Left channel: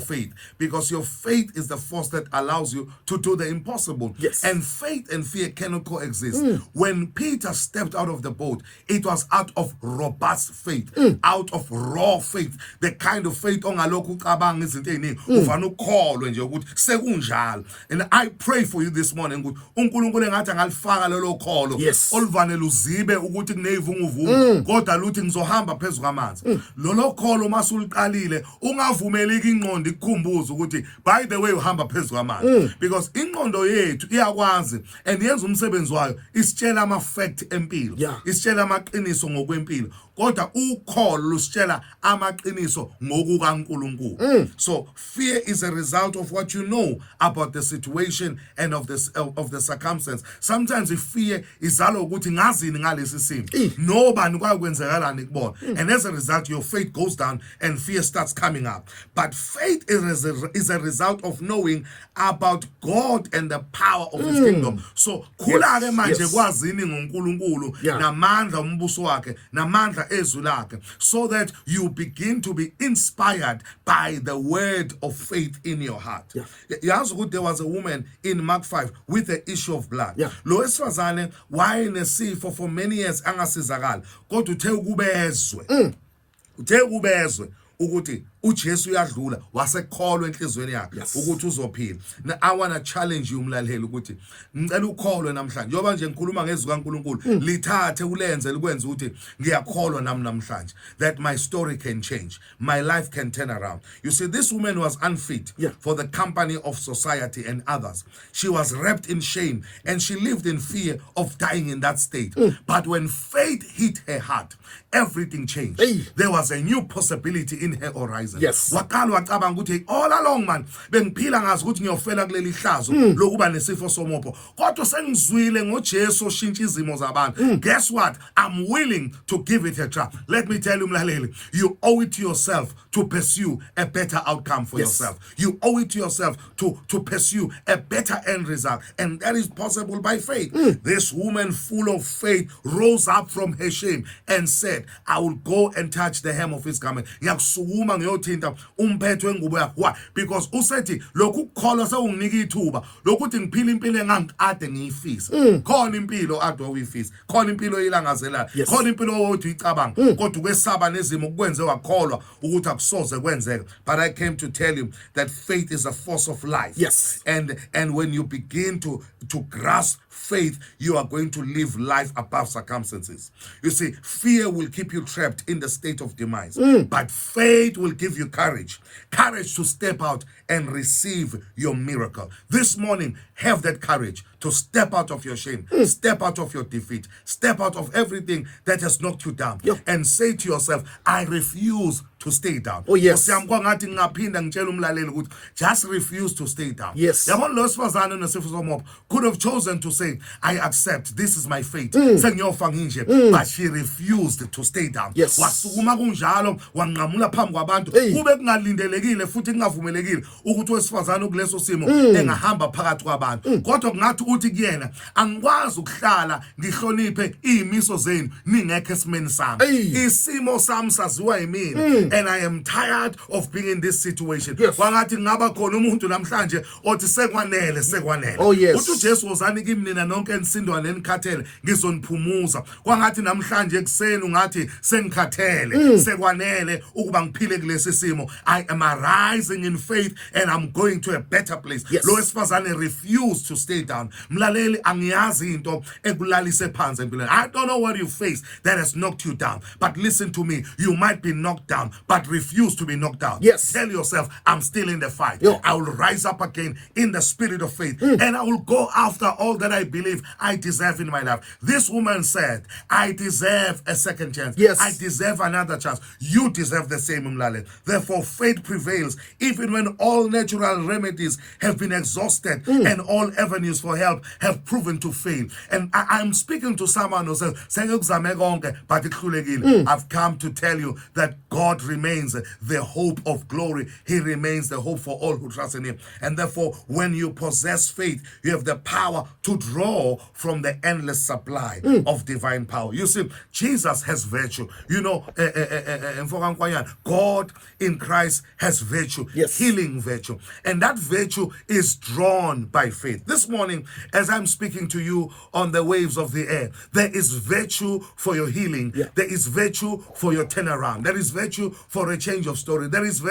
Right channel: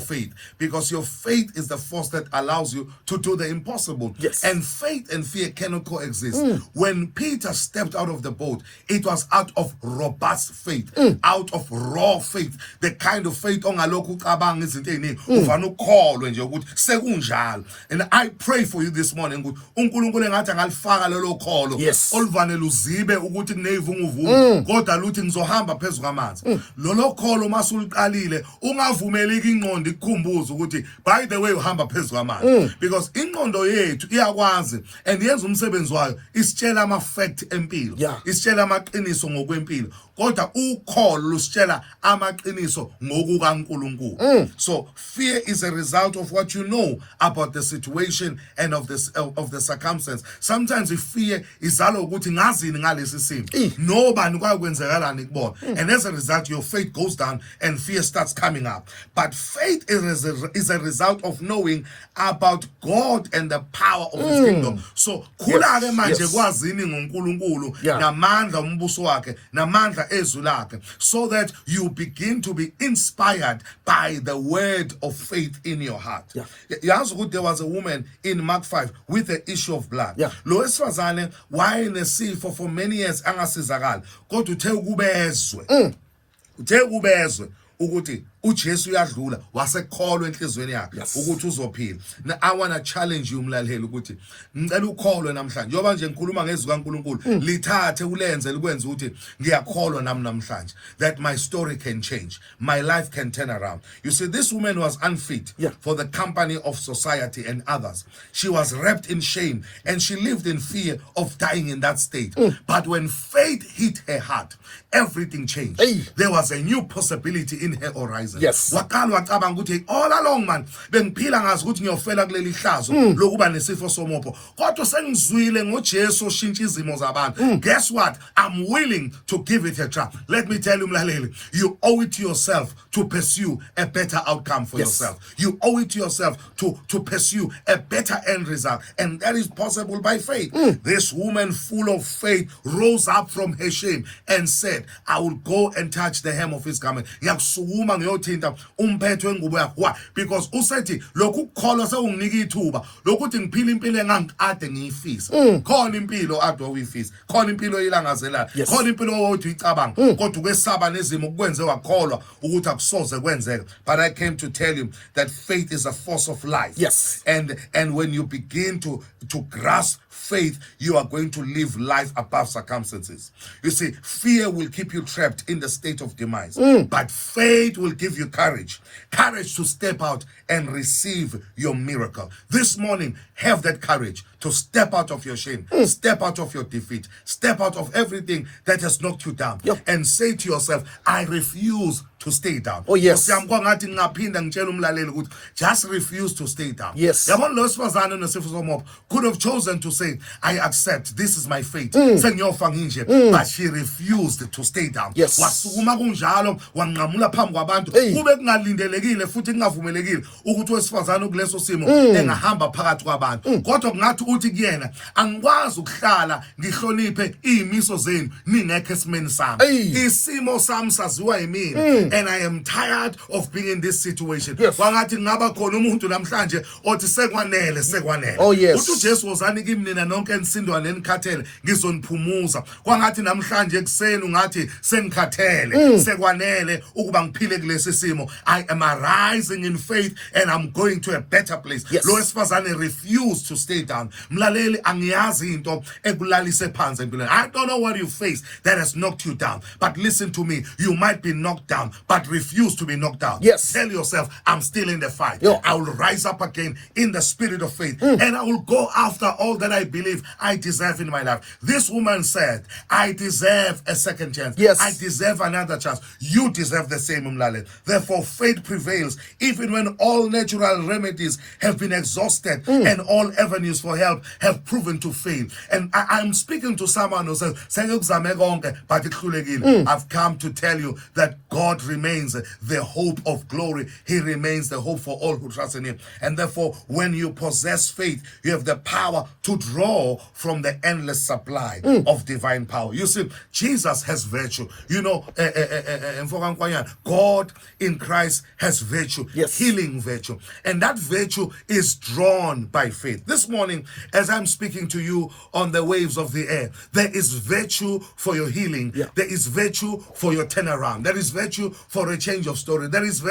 faith, because your faith is the force that allows you to do the impossible. Yes. And faith and fear cannot coexist. When Peter stepped out of the boat, it was out of robust faith, out of raw faith, the kind of faith ongalokhu ucabanga izinto eziningi uvana ukukholwe nje ukuthi sekunjalo. And I pray for you this morning ukuthi uNkulunkulu engathi angalifaka lelo kholo Yes. oluvane luzibe ukuthi kuneyivunguvungu kodwa luthi ngizohamba phezulu kwamanzi. Lolo kholo masuliqalile ungavumeleki ingqondo ikhumbuze ukuthi by the way uhamba phezulu kwamanzi, because ingqondo yethu iyakwazi and yenza umsebenzi wayo isitshela ama-fact empilo, isitshela amaqiniso ngokwempilo, kodwa ukholo lusitshela amaqiniso ngokukaNkulunkulu. So fear is a result of what you know about the situation and of the circumstance. Sometimes if fear izalwa ukuthi ngazini ngalesi simo nobani kwakwenzekalani kubona, and as a result your faith goes down and fear starts coming up. But faith is a result of knowing about God and the power of his kingdom. So khulake manje kwazini ngoNkulunkulu namandla umbuso wakhe namandla ezwi lakhe, so that you begin to be inspired by the word of faith in your heart. Yazi ukuthi there was a woman in Mark 5 with the issue of blood. Lo wesifazane wayenesifo for many years angasizakala, kodwa uthe kubezwe ukuthi uJesu uyadlula wasekholwa enhlizweni yakhe ukuthi uzophila. Now I want to challenge you mlaleli ukuthi ngicela ukholwe namhlanje, njoba nje ngikhuluma ngezwi kaNkulunkulu lithathe ulenze likwenze ukuthi ngiyakholwa nami namhlanje that my story can change, my life can turn around. You see, this woman was unfit for the company of society and others. She was wrapped in shame and she lived in fear of dying in that state. But when faith hit her heart, everything changed. There was a new possibility in her horizon. Wakala wacabanga ukuthi all along man bengiphila ngazi ukuthi ngiyofela kuleli hlazo lokuba nesifo somopo, kodwa sengizwile ngoJesu oshintsha izimo zabantu. Guess what? I'm willing to give it a try. Let me tell you mlaleli, you owe it to yourself to pursue a better outcome for yourself. You owe it to yourself to pursue a better end result, and that is possible by faith. This woman full of faith rose up from her shame and said, I will go and touch the hem of his garment. Yakusukuma ngiyothinta umphetho wengubo yakhe. Why? Because usethi lokhu ukukholwa sewunginika ithuba lokuthi ngiphile impilo engangikade ngiyifisa. Khona impilo ade uyifisa, khona impilo elangazelayo, khona impilo othi uyicabanga, kodwa ukwesaba nezimo kukwenze wakholwa ukuthi akusoze kwenzeka. But I came to tell you that faith is a force of life. And when you begin to grasp faith, you are going to live life above circumstances. You see, fear will keep you trapped in the state of demise, but faith will give you courage to step out and receive your miracle. This morning, have that courage to step out of your shame, step out of your defeat, step out of everything that has knocked you down, and say to yourself, I refuse to stay down. Just refuse to stay down. Could have chosen to say, I accept, this is my fate. But she refused to stay down. Ukuthi wesifazane ukuleso simo engahamba phakathi kwabantu, kodwa kungathi uthi kuyena angikwazi ukuhlala ngihloniphe izimiso zenu ningekho esimeni sami. Isimo sami saziwa yimina, and I am tired of being in this situation. Wangathi ngaba khona umuntu namhlanje othi sekwanele. Uthi uJesu wozani kimi nina nonke enisindwa nenikhathele ngizoniphumuza. Kwangathi namhlanje ekseni ungathi sengikhathele sekwanele ukuba ngiphile kulesi simo. I am arising in faith and I'm going to a better place. Lo wesifazane refused to stay down. Mlaleli, angiyazi into ekulalise phansi empilweni. I don't know what you face that has knocked you down, but listen to me, you might be knocked down, but refuse to be knocked down. Tell yourself, I'm still in the fight. I will rise up again in the spirit of faith, and I will go after all that I believe I deserve in my life. This woman said, I deserve a second chance. I deserve another chance. You deserve the same, Mlaleli. Therefore, faith prevails even when all natural remedies have been exhausted and all avenues for help have proven to fail. And I'm speaking to someone who says, but I've come to tell you that God remains the hope of glory. He remains the hope for all who trust in him. And therefore, when you possess faith, you have the power to draw from the endless supply of divine power. You see, Jesus has virtue. You know, God in Christ has virtue, healing virtue. And that virtue is drawn by faith. This morning, as I'm speaking to you on the waves of the air, there is virtue for your healing. There is virtue for your turnaround. There is virtue for a change of story. There is virtue